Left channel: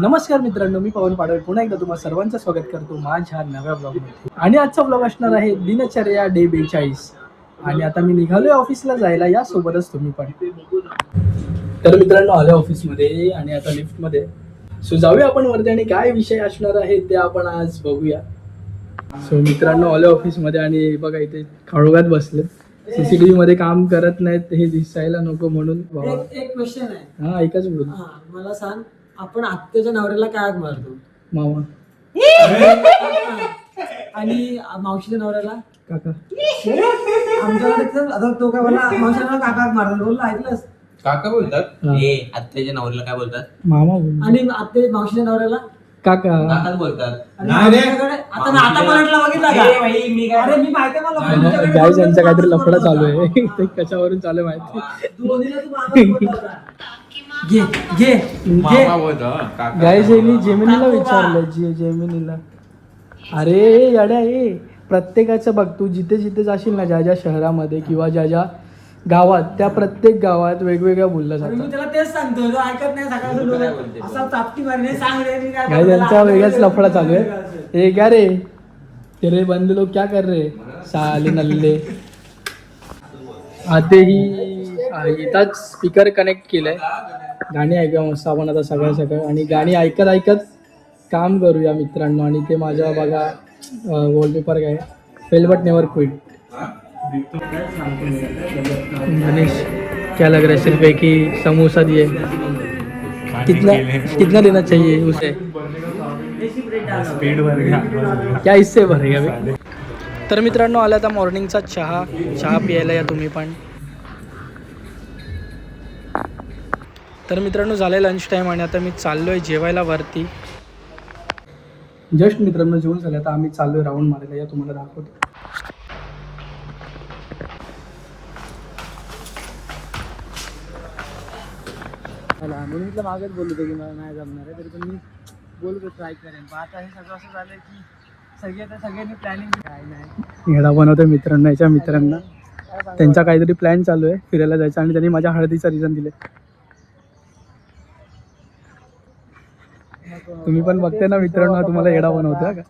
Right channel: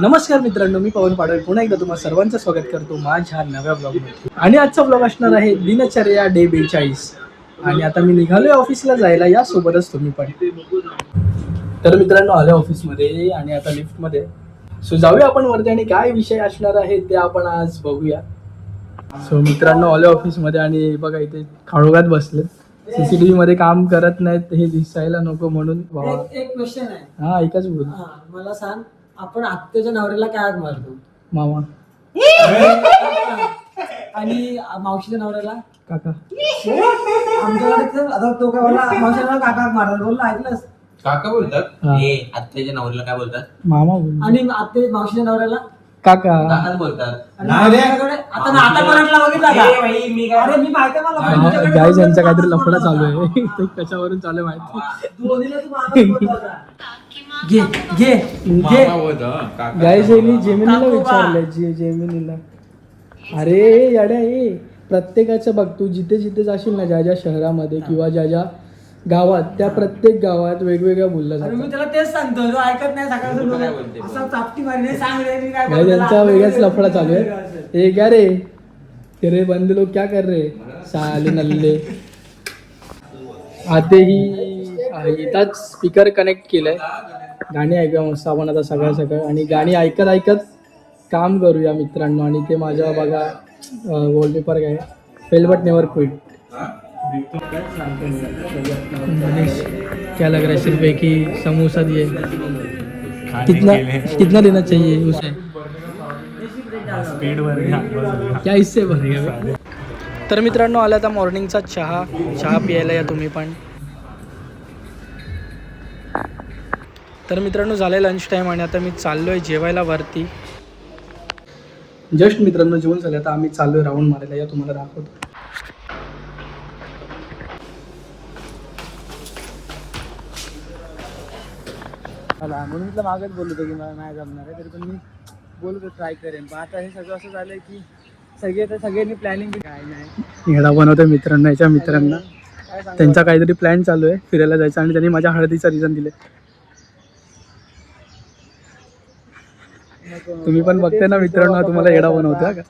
नमस्कार मित्रांनो, मी पवन पाडळ पुन्हा एकदा तुम्हाला सर्वांचं स्वागत करतो माझ्या नव्या ब्लॉगमध्ये. आणि आजचा ब्लॉग असणार आहे दिनचर्या डे 42. आणि आता मी निघालोय ऑफिसला जायला, या सोबतच तुम्ही पण. तर मित्रांनो आलो ऑफिसमध्ये आणि आता लिफ्टमध्ये. सो जाऊया आपण वरती आणि काय विषय असणार आहे ते आपण आज बघूया. सो मित्रांनो आलो ऑफिसमध्ये आणि बघा इथे खाळोगात बसले. सीसीटीव्ही मध्ये काम करत नाहीत हे दिसायला नको म्हणून. एक क्वेश्चन आहे. हा एकच बोल. मला सांग, आपण आत्याच्या नवऱ्याला काय हाक मारतो? मामा. आणि मावशीच्या नवऱ्याला काका. आमच्याकडे आता तो काय बोलला, मावशीच्या नवऱ्याला काका हाक मारतात बोलला, ऐकलंस? काका बोलतात. आत्याच्या नवऱ्याला काय बोलतात? मामा बोल. आणि आत्या मावशीच्या नवऱ्याला काका. काकाच बोलतात. आणि आमच्याकडे आता मराठीला बघितला का? अरे मी माहिती आहे मला, आमच्याकडे त्यांचा काहीतरी लफडा चालू आहे. ते कशावरून चालू आहे माहिती. दोन्हीला तू मामा बोलला होता. घे घे घे. मामा बोलतात, काका. गाईज मी जेमिनीला विचारलंय. जेमिनीला अरे येड्या हे प्रत्येकाचं बघ, तू जिथे जिथे जाशील ना, ज्या ज्या शहरामध्ये किंवा ज्या ज्या गावात, त्या प्रत्येक गावात वेगवेगळ्या बोललं अरे मी जातं. त्याला तेच सांगतो, तो ऐकत नाही. सकाळचं असा चापटी मारणे सांग रे, मी काय गाईज बोलतो? त्यांचा वेगळाच लफडा चालू आहे. हे क्या रे, तेरे बंदे लोग क्या कर रहे साले नल्ले. आते ही इथंच स्पीकर कनेक्ट केलंय, गाणी ऐकूया मस्त आपण आता सकाळ सकाळ. आणि गाणी ऐकत ऐकत काम करूया मित्रांनो. आणि ते माझ्या बघा वॉलपेपर काय, fail but never quit. Manish क्या लग रहा है, सिर्फ एक ही समोसा दिए, कितना कितना देना चाहिए उसे? स्पीड वर क्या इससे भरेगा बे? तर मित्रांनो आला आता मॉर्निंगचा चहा प्यायला या तुम्ही पण. तर मित्रांनो झालं आहे लंच टाईम आणि आता मी चाललो आहे जेवायला वरती. जस्ट मित्रांनो जेवण झालं, आता आम्ही चाललो आहे राऊंड मारायला, या तुम्हाला दाखवतो. म्हणून म्हटलं मागच बोललो होतो की मला नाही जमणार आहे, तरी पण मी बोलतो ट्राय करेन. पण आता हे सगळं असं झालंय की सगळ्यांनी प्लॅनिंग काय नाही. येडा बनवतोय मित्रांना, याच्या मित्रांना. त्यांचा काहीतरी प्लॅन चालू आहे फिरायला जायचा आणि त्यांनी माझ्या हळदीचा रिझन दिले. तुम्ही पण बघताय ना मित्रांनो, तुम्हाला येडा बनवतोय का?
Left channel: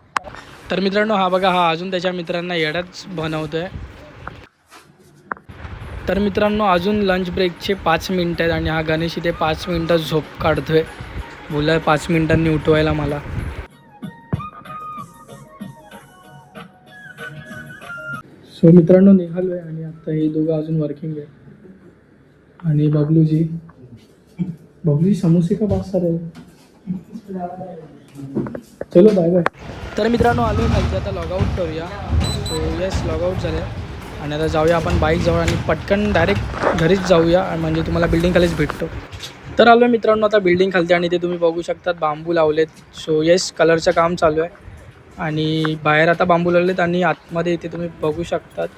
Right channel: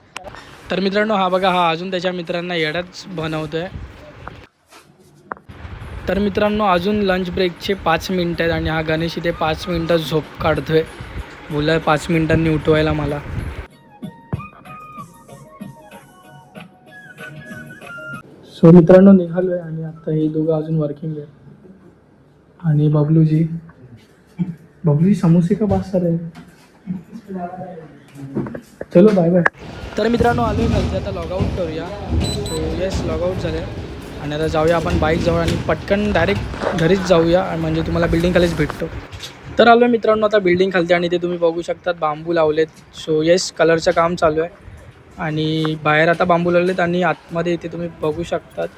तर मित्रांनो हा बघा, हा अजून त्याच्या मित्रांना येडाच बनवतोय. तर मित्रांनो अजून लंच ब्रेकचे 5 मिनटं आहेत आणि हा गणेश इथे 5 मिनटं झोप काढतोय. बोलला 5 मिनिटांनी उठवायला मला. सो मित्रांनो निघालोय आणि आता हे दोघं अजून वर्किंग आहे. आणि बबलूजी समोसे का बात कर रहे हैं? चलो बाय बाय. तर मित्रांनो आलोय खालती, आता लॉगआउट करूया. सो येस लॉगआउट झालं आणि आता जाऊया आपण बाईक जवळ आणि पटकन डायरेक्ट घरीच जाऊया, म्हणजे तुम्हाला बिल्डिंग खालीच भेटतो. तर आलो आहे मित्रांनो आता बिल्डिंग खालती आणि ते तुम्ही बघू शकतात बांबू लावलेत. सो येस कलरचं काम चालू आहे आणि बाहेर आता बांबू लावलेत आणि आतमध्ये इथे तुम्ही बघू शकतात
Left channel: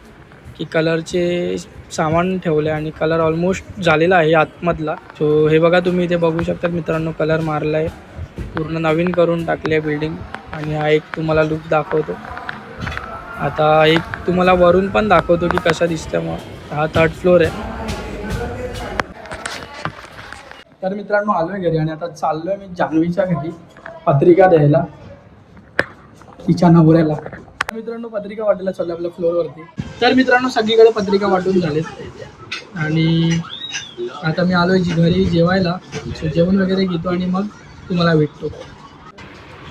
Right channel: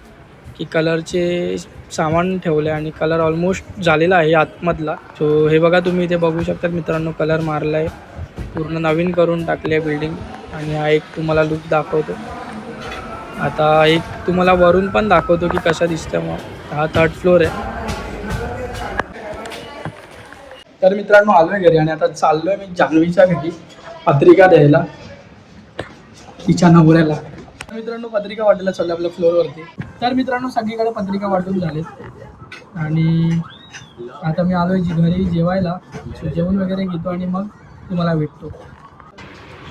की कलरचे सामान ठेवले आणि कलर ऑलमोस्ट झालेला आहे आतमधला. सो हे बघा तुम्ही इथे बघू शकतात मित्रांनो, कलर मारला आहे, पूर्ण नवीन करून टाकली आहे बिल्डिंग. आणि हा एक तुम्हाला लुक दाखवतो. आता एक तुम्हाला वरून पण दाखवतो की कसा दिसतं. मग हा 3rd फ्लोअर आहे. तर मित्रांनो आलो आहे घरी आणि आता चाललो आहे मी जान्हवीच्या घरी पत्रिका द्यायला, तिच्या नवऱ्याला. मित्रांनो पत्रिका वाटायला चालू आपल्या फ्लोअरवरती. तर मित्रांनो सगळीकडे पत्रिका वाटून झालेत आणि आता मी आलो आहे घरी जेवायला. जेवण वगैरे घेतो आणि मग तुम्हाला भेटतो.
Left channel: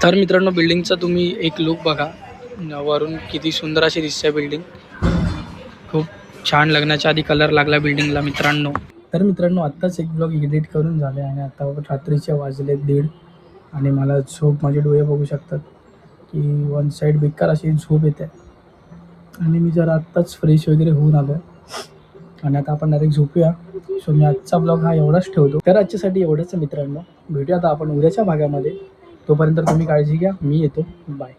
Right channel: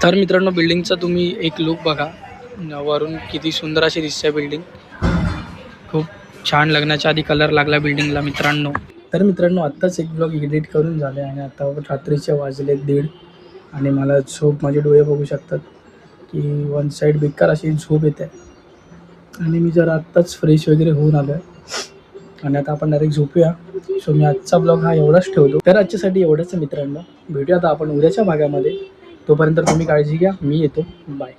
तर मित्रांनो बिल्डिंगचा तुम्ही एक लुक बघा, वरून किती सुंदर अशी दिसते बिल्डिंग. खूप छान, लग्नाच्या आधी कलर लागला बिल्डिंगला मित्रांनो. तर मित्रांनो आत्ताच एक ब्लॉग एडिट करून झाले आणि आता रात्रीचे वाजले 1:30 आणि मला झोप, माझे डोळे बघू शकतात की वन साईड बेकार अशी झोप येते. आणि मी जरा आत्ताच फ्रेश वगैरे होऊन आलो आहे आणि आता आपण डायरेक्ट झोपूया. सो मी आजचा ब्लॉग हा एवढाच ठेवतो. तर आजच्यासाठी एवढंच मित्रांनो. भेटूया आता आपण उद्याच्या भागामध्ये. तोपर्यंत तुम्ही काळजी घ्या, मी येतो. बाय.